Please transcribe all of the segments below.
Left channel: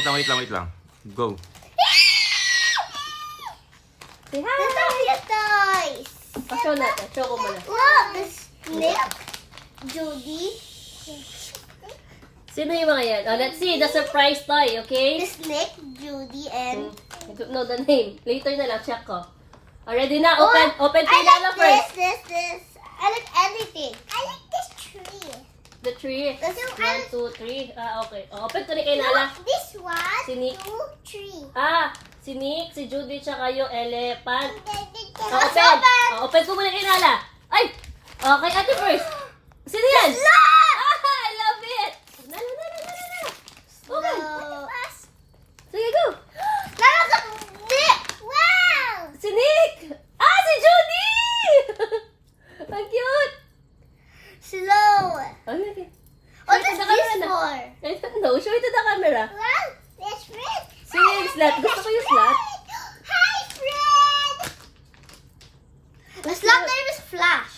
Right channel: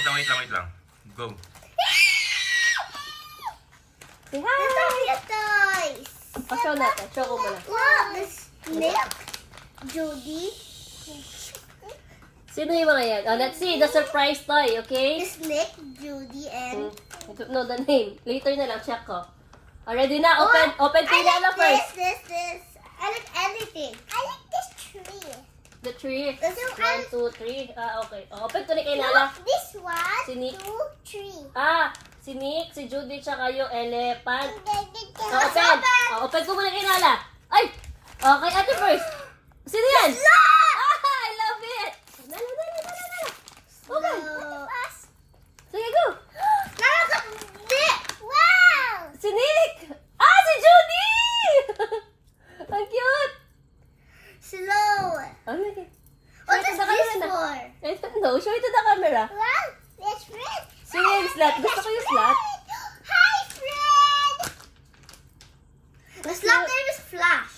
Wait lang. Go. Say hi! These are your toys. Show natin. Show ko muna. Look, the snake, Judy. Sino yung mga yan? Oh, let's see. The surprise toy, okay? The snake, Judy, and... No, the name. Later na lang. Check ko. Ready na? Oh, Open I Lala like first. this. I like anything. I like this tree. The tree. This is 1, 2, 3. Okay. Open ko ni kay Lala. Look, this one, Sini- 2, 3. Si Nick, si Judy, tsaka yung elephant. Let's Open ko muna kay Lala. Ay! Okay, ate first. Sino yan? I love it! Lala. Okay. Sige, go. Wow! Si Nick! Si Judy! Ang cute! Slow. Okay. What Show it is to the this camera na. for? I don't know. Show it to the camera. Well, that's Fred. Sino yung slot? Gusto ko yung slot. Hi, Fred! The slot name is Flash.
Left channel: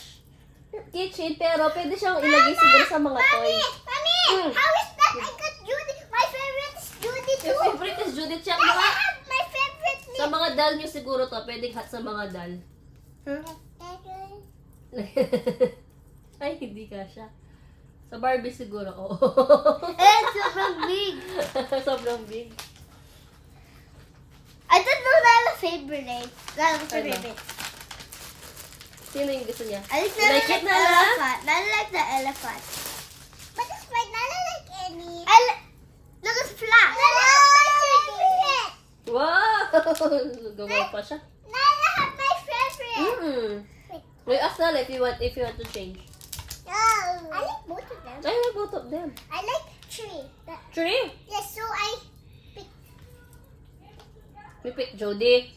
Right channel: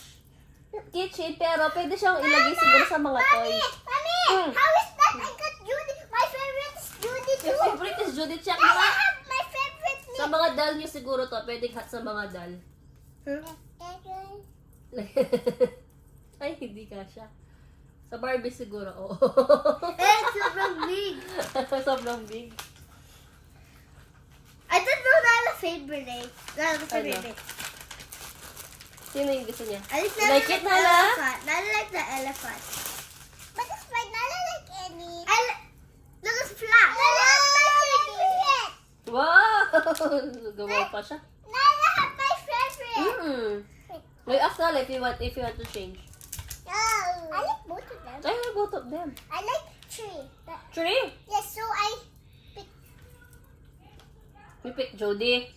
Kitchen, pero pwede siyang ilagay siguro sa mga toys. Mommy, Mm. how is that? I got Judy. My favorite is Judy Your too. favorite is Judy Check. I have my favorite Sa mga doll nyo siguro to. Pwedeng hat sa mga doll. Ay, hindi ka siya. Sa Barbie siguro, oo. It's sobrang big. Sobrang big. I don't know Nala's favorite. Nala's favorite. Sino yung gusto niya? I like Like it, the Nala? elephant. Nala like the elephant. But it's like Nala like any. Look, it's Flash. Nala have my favorite. Wow! Gawa pa siya. Nala have my favorite. Wait, ask Nala if you want to change. No. I like both of them. I like both of them. I like tree. Tree! Yes, so I We pick Jody.